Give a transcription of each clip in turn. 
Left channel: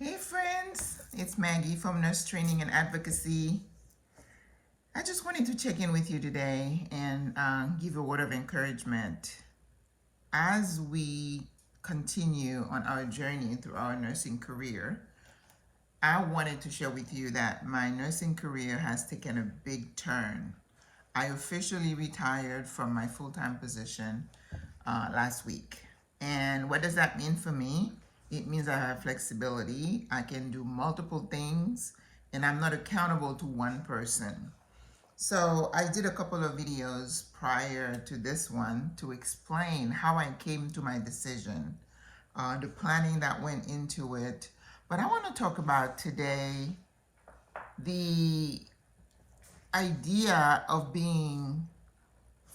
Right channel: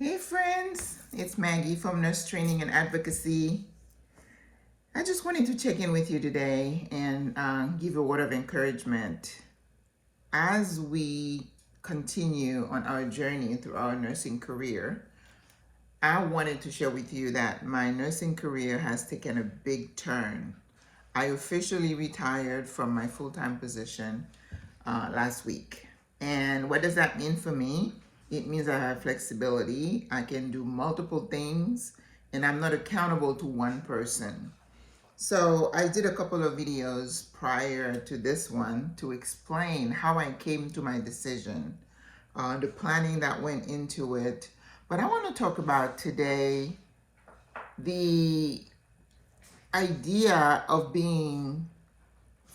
Hey friends, it's Maggie from Nurse Training and Advocacy. I just wanted to check in with you today and give a word of encouragement. As we continue on our journey through our nursing career, I wanted to share with you that my nursing career has taken a big turn. I officially retired from my full-time position last week. And what does that mean for me? It means I have flexibility. I can do multiple things and I'm not accountable to one person. So I did a couple of videos prior to this one to explain how I came to my decision, the planning that went into it. But I want to talk about today the idea of being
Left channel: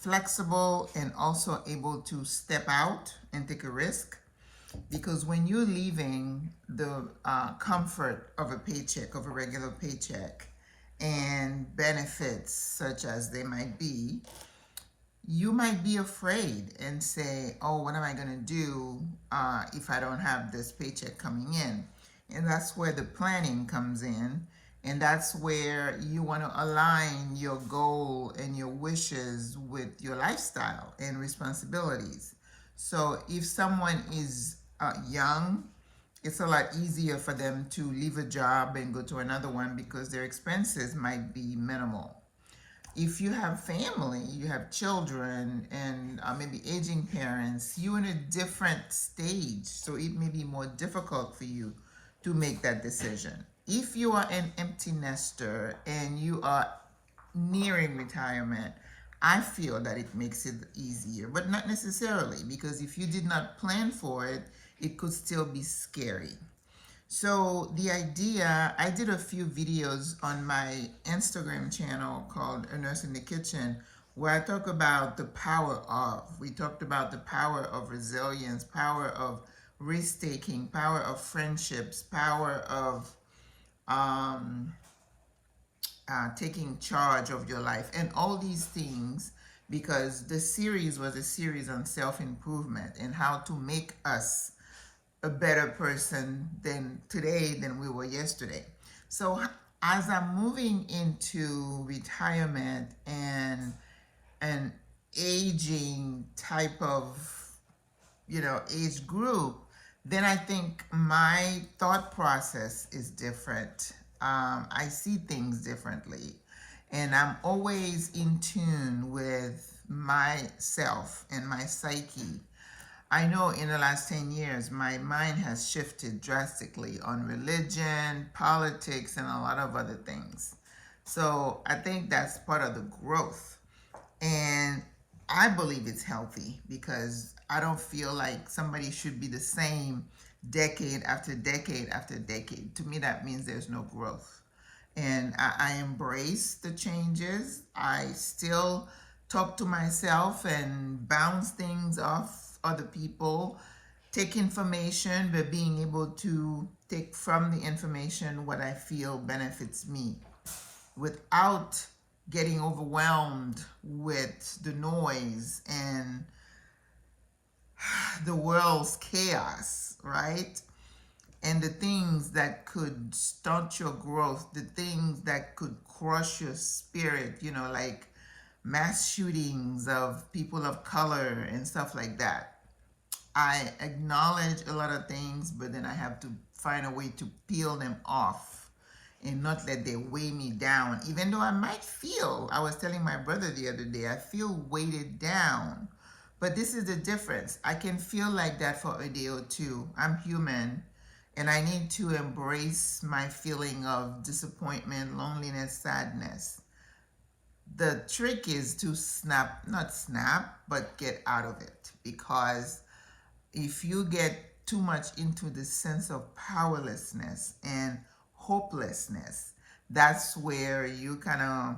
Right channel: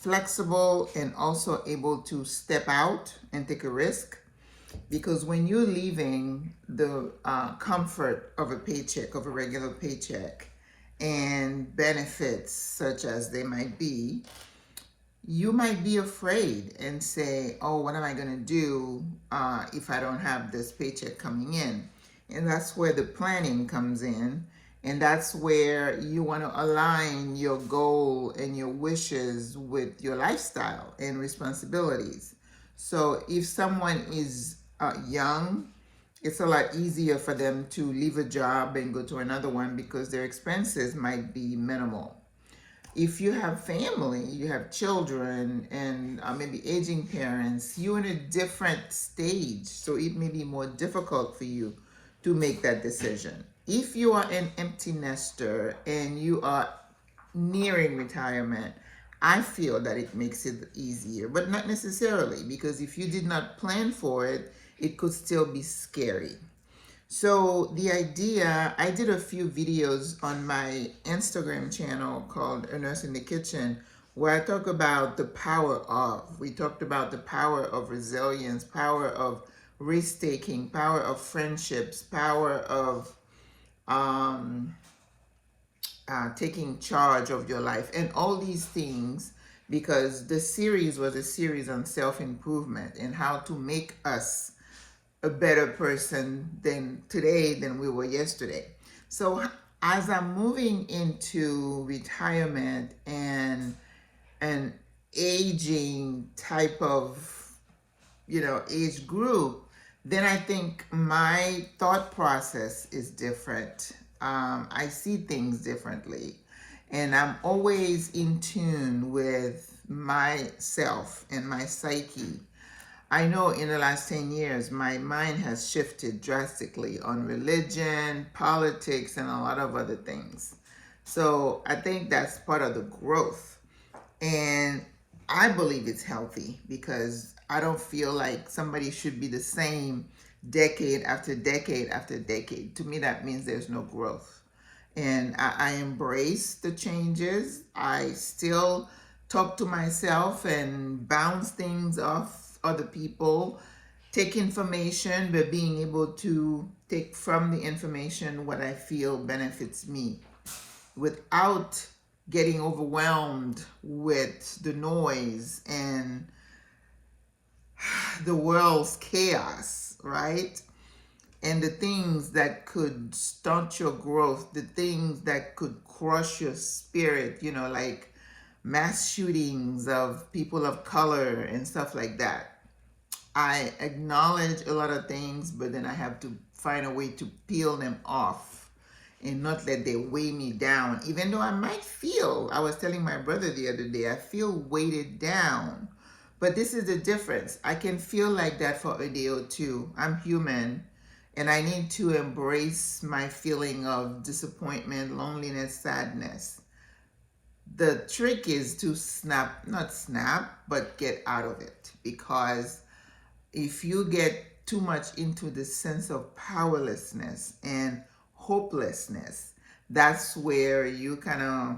flexible and also able to step out and take a risk. Because when you're leaving the comfort of a paycheck, of a regular paycheck, and benefits such as they might be, you might be afraid and say, oh, what am I going to do if I don't have this paycheck coming in? And that's where the planning comes in. And that's where you want to align your goal and your wishes with your lifestyle and responsibilities. So if someone is young, it's a lot easier for them to leave a job and go to another one because their expenses might be minimal. If you have family, you have children and maybe aging parents, you're in a different stage. So it may be more difficult for you to make that decision. If you are an empty nester and you are nearing retirement, I feel that it makes it easier, but not necessarily, because if you did not plan for it, it could still be scary. So the idea, I did a few videos on my Instagram channel called A Nurse in the Kitchen, where I talk about the power of, we talked about the power of resilience, power of risk taking, power of friendships, power of taking charge of your life, and all these things, because the series was a series on self-improvement and how to make us a better person than today than we were yesterday. So as I'm moving into retirement and an aging type of age group, then I think my thought process is different. I see things differently, and I'm always in tune with myself and my psyche. I know in the last 10 years, my mind has shifted drastically on religion, politics, and a lot of other things. So I think that's part of the growth. And I believe it's healthy because I don't feel like somebody should be the same decade after decade after decade. To me, that means there's no growth. And I embrace the changes. I still talk to myself and bounce things off other people, take information, but being able to take from the information what I feel benefits me without getting overwhelmed with the noise and the world's chaos, right? And the things that could stunt your growth, the things that could crush your spirit, like mass shootings of people of color and stuff like that. I acknowledge a lot of things, but then I have to find a way to peel them off and not let they weigh me down. Even though I might feel, I was telling my brother the other day, I feel weighted down. But this is the difference. I can feel like that for a day or two. I'm human, and I need to embrace my feeling of disappointment, loneliness, sadness. The trick is to not snap, but get out of it. Because if you get too much into the sense of powerlessness and hopelessness, that's where you kind of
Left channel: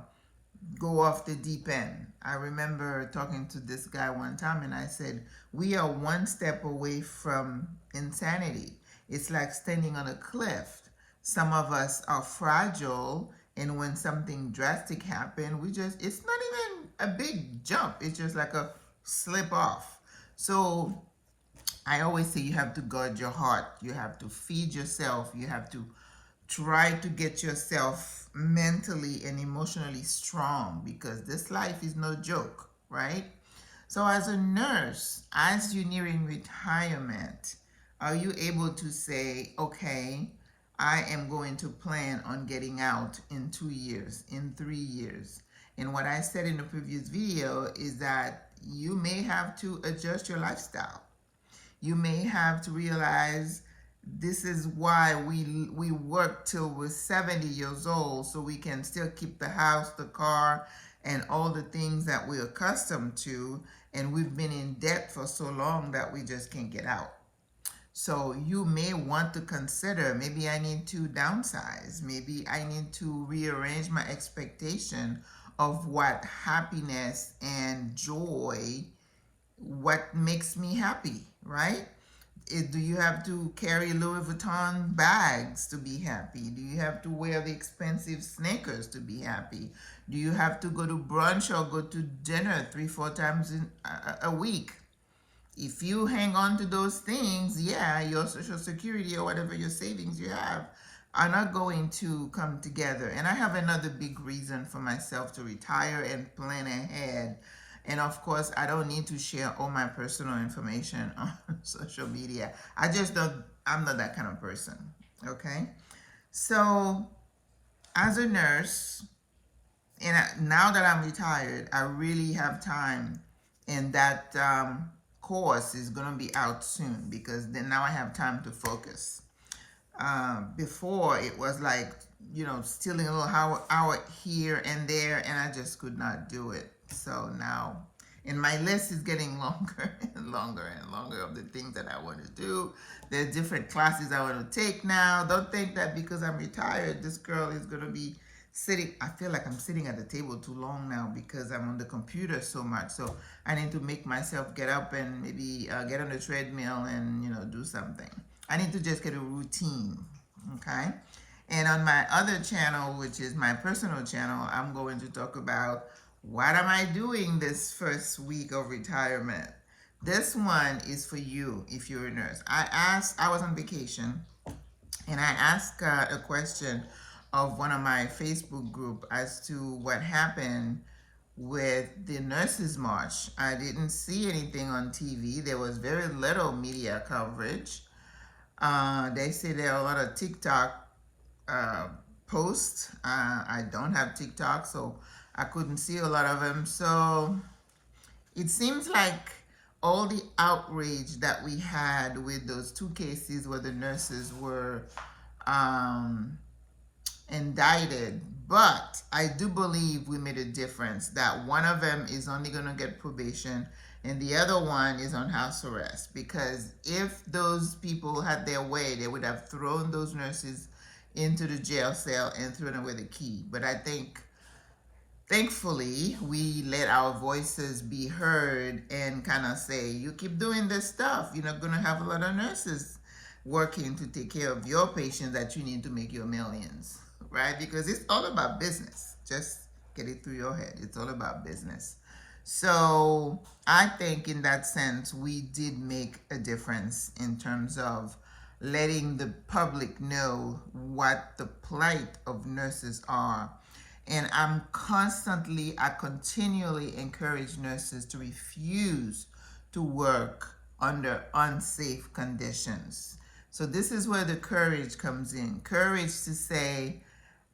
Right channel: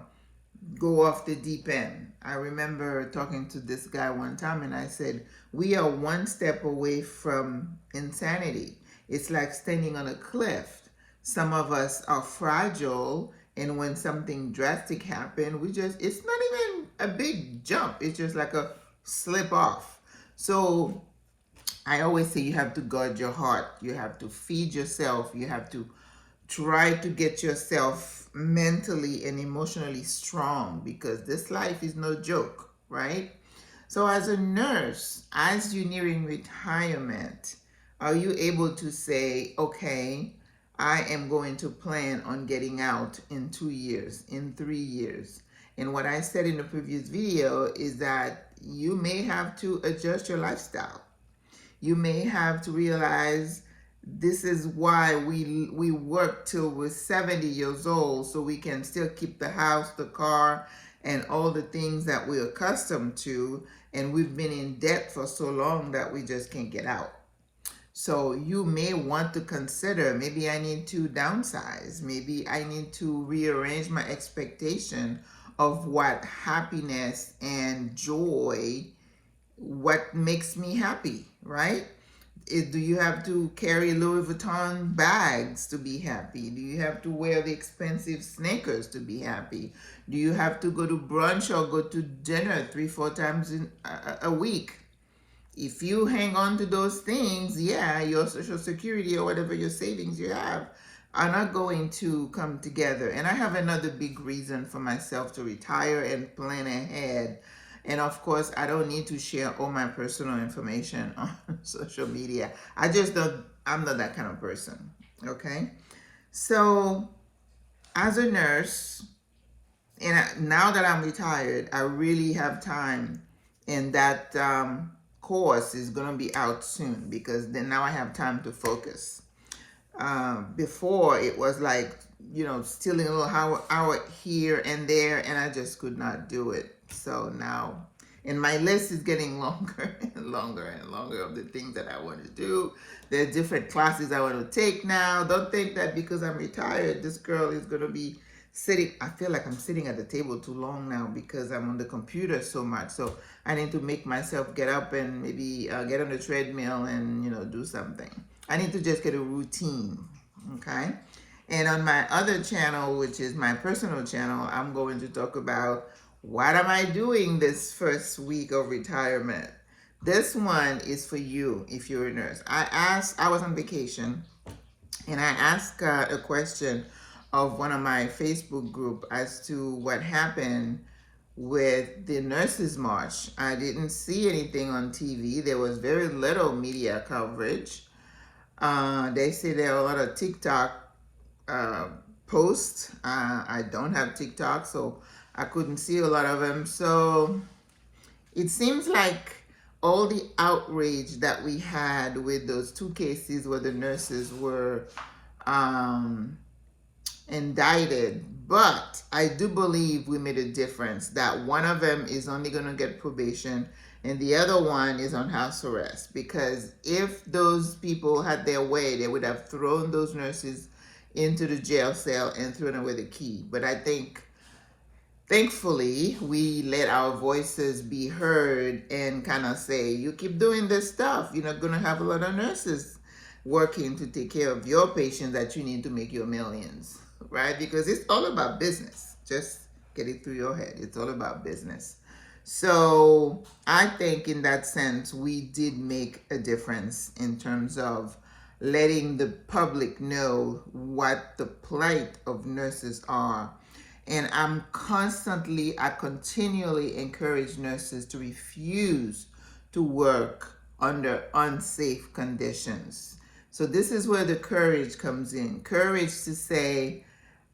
go off the deep end. I remember talking to this guy one time and I said, we are one step away from insanity. It's like standing on a cliff. Some of us are fragile, and when something drastic happens, it's not even a big jump. It's just like a slip off. So I always say you have to guard your heart. You have to feed yourself. You have to try to get yourself mentally and emotionally strong, because this life is no joke, right? So as a nurse, as you're nearing retirement, are you able to say, okay, I am going to plan on getting out in 2 years, in 3 years? And what I said in the previous video is that you may have to adjust your lifestyle. You may have to realize this is why we work till we're 70 years old, so we can still keep the house, the car, and all the things that we're accustomed to. And we've been in debt for so long that we just can't get out. So you may want to consider, maybe I need to downsize. Maybe I need to rearrange my expectation of what happiness and joy, what makes me happy, right? Do you have to carry Louis Vuitton bags to be happy? Do you have to wear the expensive sneakers to be happy? Do you have to go to brunch or go to dinner 3-4 times in a week? If you hang on to those things, yeah, your Social Security or whatever your savings you have are not going to come together. And I have another big reason for myself to retire and plan ahead. And of course, I don't need to share all my personal information on social media. I'm not that kind of person, okay? So as a nurse, and now that I'm retired, I really have time, and that course is going to be out soon, because then now I have time to focus. Before it was like, stealing a little hour here and there, and I just could not do it. So now, and my list is getting longer and longer and longer of the things that I want to do. There are different classes I want to take now. Don't think that because I'm retired, this girl is going to be sitting. I feel like I'm sitting at the table too long now because I'm on the computer so much. So I need to make myself get up and maybe get on the treadmill and, do something. I need to just get a routine, okay? And on my other channel, which is my personal channel, I'm going to talk about what am I doing this first week of retirement. This one is for you if you're a nurse. I was on vacation, and I asked a question of one of my Facebook group as to what happened with the Nurses March. I didn't see anything on TV. There was very little media coverage. They say there are a lot of TikTok posts. I don't have TikTok, so I couldn't see a lot of them. So it seems like all the outrage that we had with those 2 cases where the nurses were indicted, but I do believe we made a difference, that one of them is only going to get probation and the other one is on house arrest, because if those people had their way, they would have thrown those nurses into the jail cell and thrown away the key. But I think, thankfully, we let our voices be heard and kind of say, you keep doing this stuff, you're not going to have a lot of nurses working to take care of your patients that you need to make your millions, right? Because it's all about business. Just get it through your head. It's all about business. So I think in that sense, we did make a difference in terms of letting the public know what the plight of nurses are. And I continually encourage nurses to refuse to work under unsafe conditions. So this is where the courage comes in. Courage to say,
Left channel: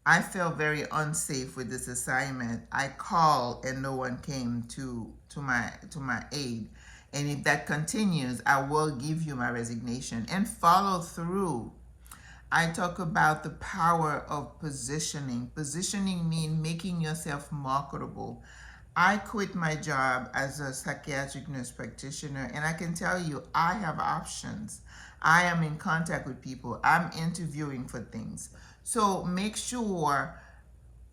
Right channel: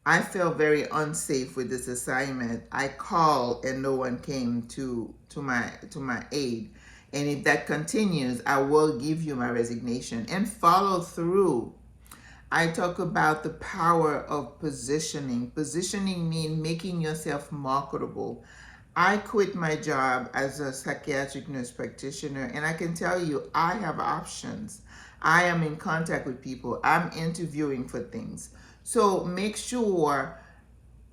I felt very unsafe with this assignment. I called and no one came to my aid. And if that continues, I will give you my resignation, and follow through. I talk about the power of positioning. Positioning means making yourself marketable. I quit my job as a psychiatric nurse practitioner, and I can tell you, I have options. I am in contact with people. I'm interviewing for things. So make sure,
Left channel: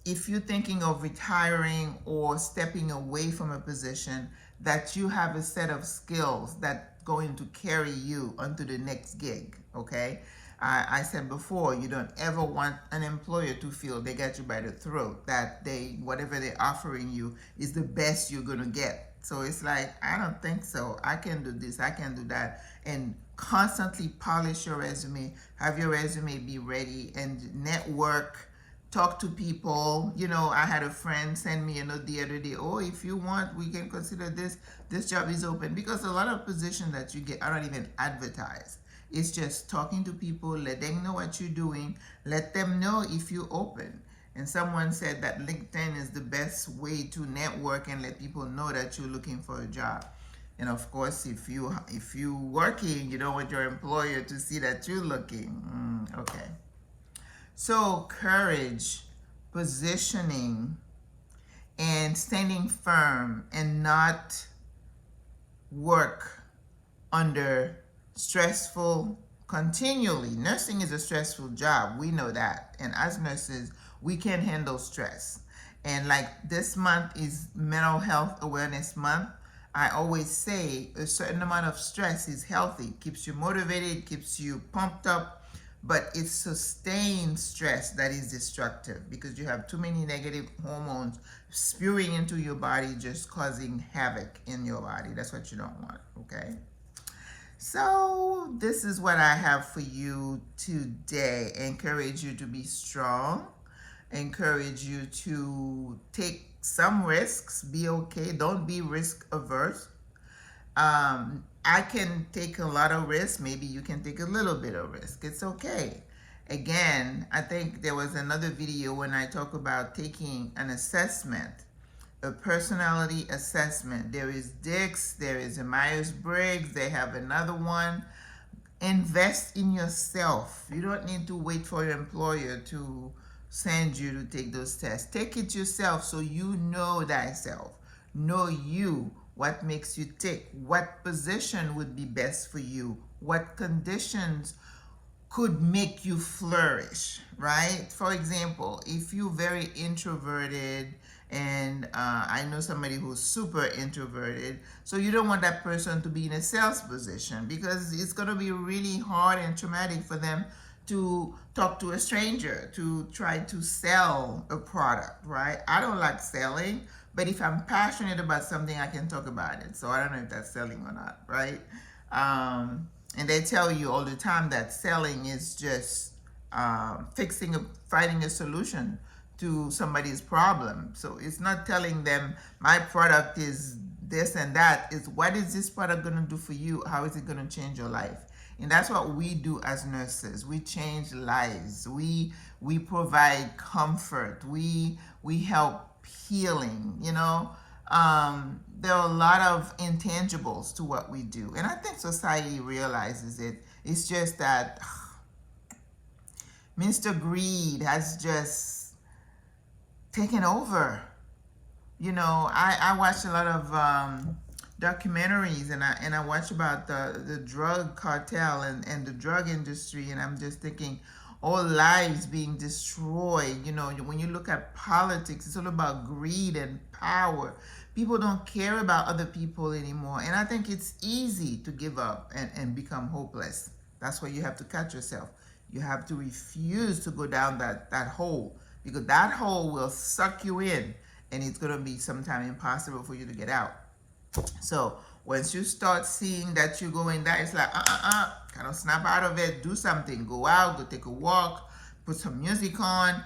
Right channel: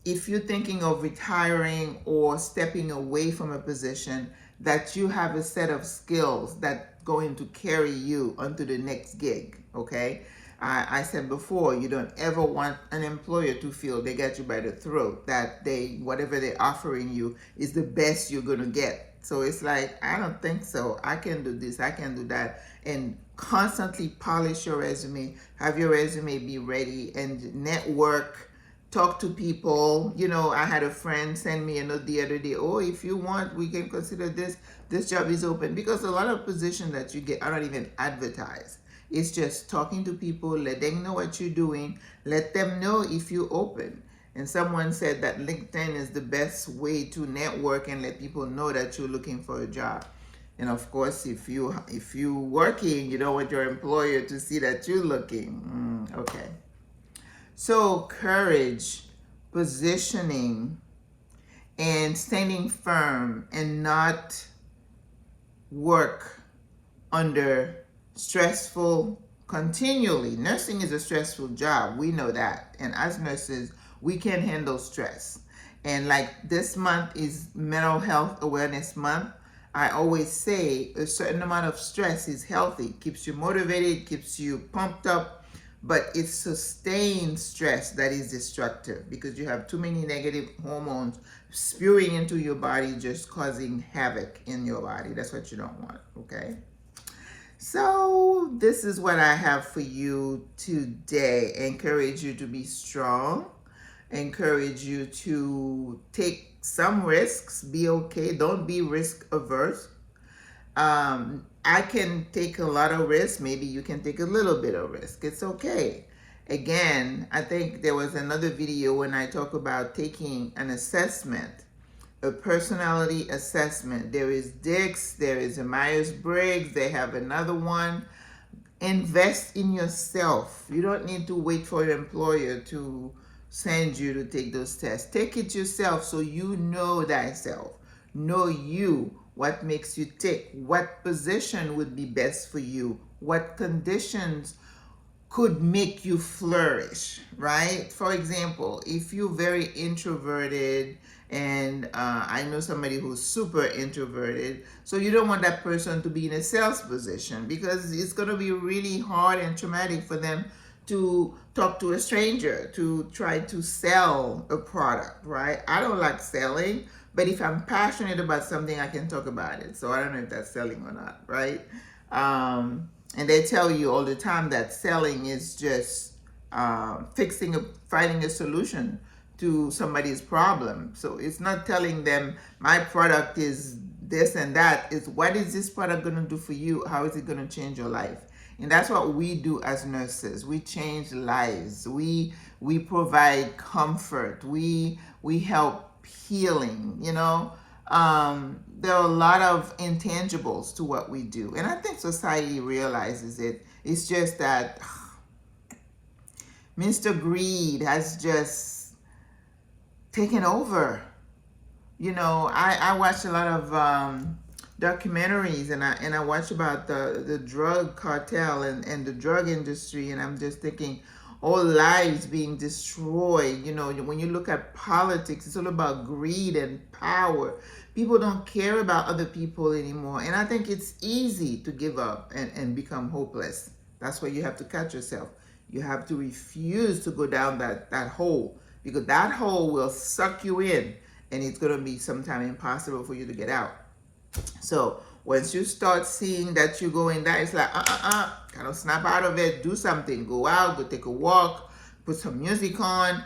if you're thinking of retiring or stepping away from a position, that you have a set of skills that's going to carry you onto the next gig, okay? I said before, you don't ever want an employer to feel they got you by the throat, that whatever they're offering you is the best you're going to get. So it's like, I don't think so. I can do this, I can do that. And constantly polish your resume, have your resume be ready, and network, talk to people. You know, I had a friend send me a note the other day, oh, if you want, we can consider this job is open. Because a lot of positions that you get are not even advertised. It's just talking to people, let them know what you're doing, let them know if you're open. And someone said that LinkedIn is the best way to network and let people know that you're looking for a job. And of course, if you working, you don't want your employer to see that you're looking. Okay. So courage, positioning, and standing firm, and not work under stressful continually. Nursing is a stressful job. We know that. And as nurses, we can handle stress. And like this month is Mental Health Awareness Month. I always say a certain amount of stress is healthy, keeps you motivated, keeps you pumped up, but it's sustained stress that is destructive, because you have too many negative hormones spewing into your body, just causing havoc in your body. That's what you don't want, okay? So this is what I have for you today. Encourage you to be strong. Encourage you to take some risks. Be okay. Don't be risk averse. I can take a lot of risk. Maybe you can take a little bit of risk. It's okay. Again, I think there was another video when I talk about taking an assessment, a personality assessment. There is Dix, there is a Myers-Briggs, they have another one. Invest in yourself. You don't need to wait for your employer to send you to take those tests. Take it yourself, so you know thyself. Know you, what makes you tick, what position would be best for you, what conditions could make you flourish, right? For example, if you're very introverted, and I know somebody who's super introverted, so you don't want that person to be in a sales position, because it's going to be really hard and traumatic for them to talk to a stranger, to try to sell a product, right? I don't like selling, but if I'm passionate about something, I can talk about it. So I don't know if that's selling or not, right? And they tell you all the time that selling is just finding a solution to somebody's problem. So it's not telling them my product is this and that. It's what is this product going to do for you? How is it going to change your life? And that's what we do as nurses. We change lives. We provide comfort. We help healing, you know. There are a lot of intangibles to what we do. And I think society realizes it. It's just that Mr. Greed has just taken over. You know, I watch a lot of documentaries, and I watch about the drug cartel and the drug industry, and I'm just thinking, all lives being destroyed. You know, when you look at politics, it's all about greed and power. People don't care about other people anymore. And I think it's easy to give up and become hopeless. That's where you have to catch yourself. You have to refuse to go down that hole, because that hole will suck you in, and it's going to be sometime impossible for you to get out. So once you start seeing that you're going down, it's like, kind of snap out of it, do something, go out, go take a walk, put some music on,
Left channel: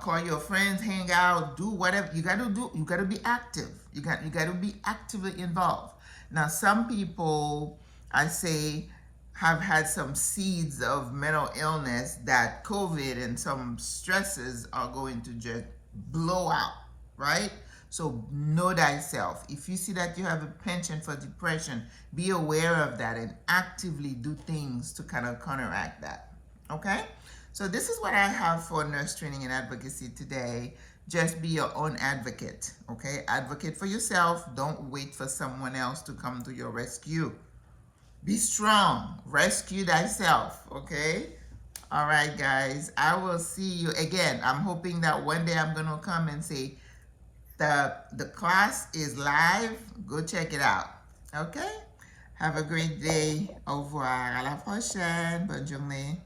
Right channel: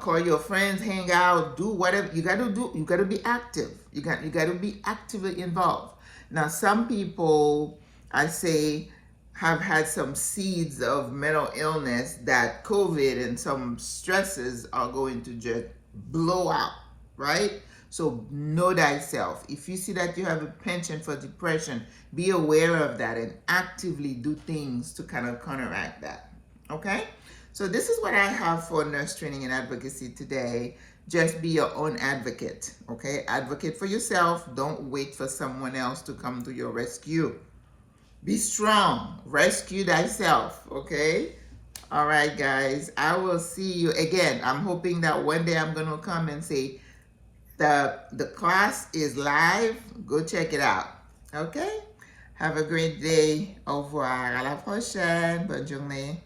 call your friends, hang out, do whatever you got to do. You got to be active. You got to be actively involved. Now, some people, I say, have had some seeds of mental illness that COVID and some stresses are going to just blow out, right? So know thyself. If you see that you have a penchant for depression, be aware of that and actively do things to kind of counteract that, okay? So this is what I have for nurse training and advocacy today. Just be your own advocate, okay? Advocate for yourself. Don't wait for someone else to come to your rescue. Be strong. Rescue thyself, okay? All right, guys. I will see you again. I'm hoping that one day I'm going to come and say, the class is live. Go check it out, okay? Have a great day. Au revoir. À la prochaine. Bonne journée.